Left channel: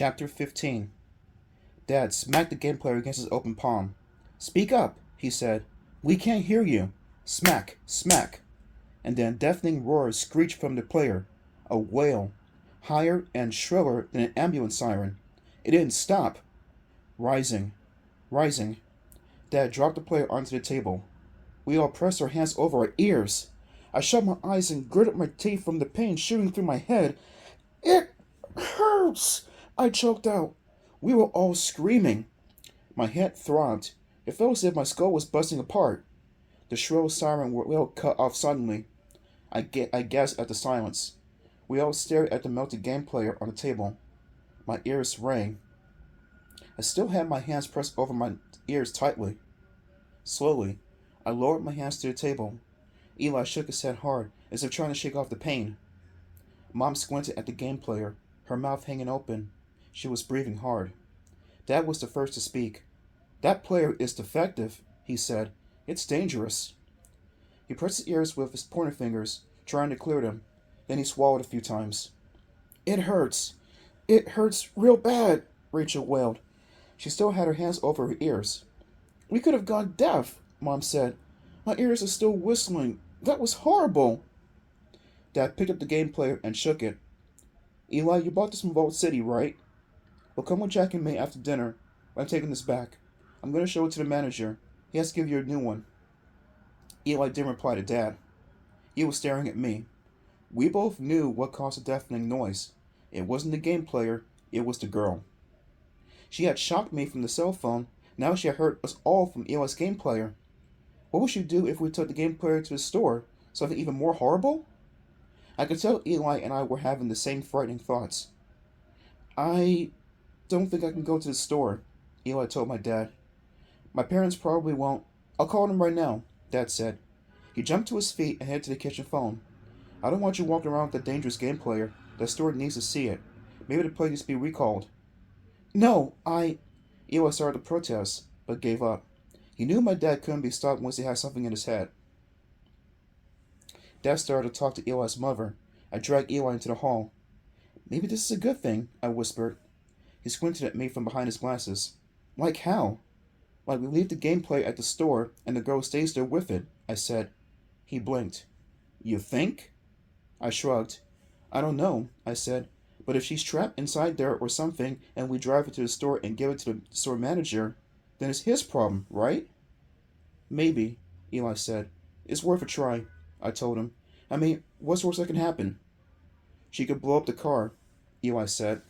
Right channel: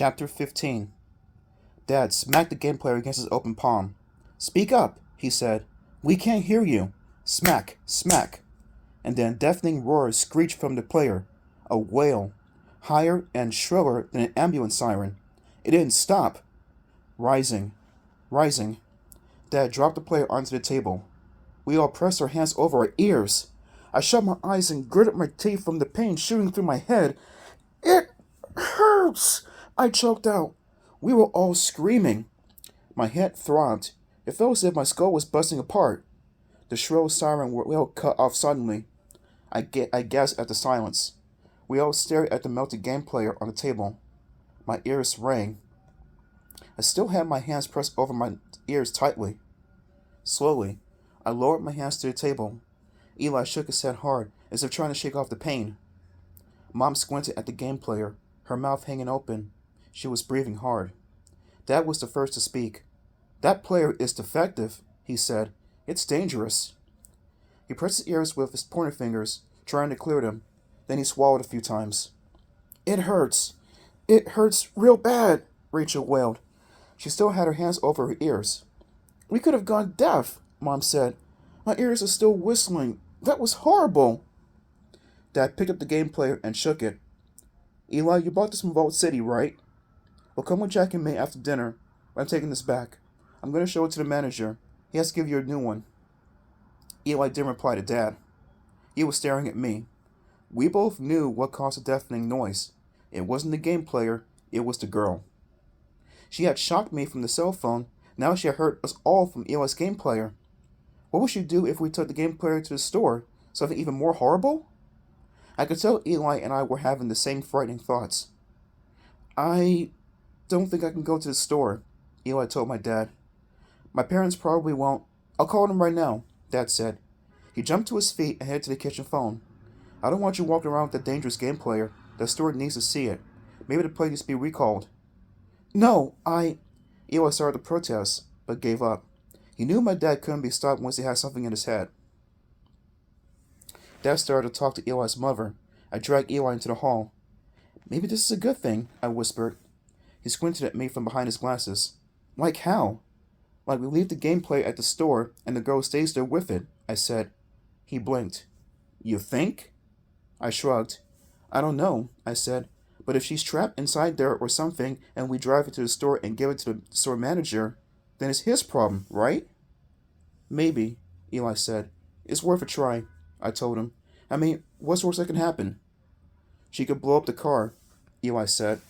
Chapter 15. Dad smacked the game player against his open palm. "Speak up," he said. "We can't hear you." Smack, smack. And then a deafening roar screeched from the player. A wail, higher and shriller than an ambulance siren. It didn't stop. Rising, rising. Dad dropped the player onto the table. We all pressed our hands over our ears. I shut my eyes and gritted my teeth from the pain shooting through my head. "It hurts," I choked out. We were all screaming. My head throbbed. It felt as if my skull was busting apart. The shrill siren wail cut off suddenly. I gasped at the silence. We all stared at the melted game player on the table. My ears rang. I still had my hands pressed over my ears tightly. Slowly, I lowered my hands to the table. Eli shook his head hard, as if trying to shake off the pain. Mom squinted at the game player, her mouth hanging open. She was breathing hard. Dad was the first to speak. "That player is defective," he said. "It's dangerous." He pressed his ears with his pointer fingers, trying to clear them. Then he swallowed a few times. "It hurts. It hurts real bad," Rachel wailed. She still had her hands over her ears. "We could have gone deaf," Mom said. "My ears are still whistling. That was horrible." Dad picked up the game player and shook it. "Eli, you bought this from Vault City, right? Well, come with Jack and May after dinner. I'm taking this back. I'm going to show it to the manager. He has to give you a new one." Eli didn't reply to Dad. He was staring at me. We both knew what caused the deafening noise. It wasn't the game player, it was the girl. She had shocked me from the cell phone. Now she had hurt us all from Eli's game player. What would she do if we took the game player to the store? Something even more horrible? I could tell Eli and I were having the same frightening thoughts. "I don't think I can go to the store," Eli told my dad. "My parents probably won't. I'll call them right now," Dad said. He jumped to his feet and headed to the kitchen phone. "I don't want you walking around with that dangerous game player. The store needs to see it. Maybe the play needs to be recalled." "No, Eli started to protest, but gave up. He knew my dad couldn't be stopped once he had something in his head. Dad started to talk to Eli's mother. I dragged Eli into the hall. "Maybe this is a good thing," I whispered. He squinted at me from behind his glasses. "Like how?" "Like we leave the game player at the store and the girl stays there with it," I said. He blinked. "You think?" I shrugged. "I don't know," I said. "But if she's trapped inside there or something and we drive her to the store and give it to the store manager, then it's his problem, right?" "Maybe," Eli said. "It's worth a try," I told him. "I mean, what's worse that can happen?" "She could blow up the car," Eli said.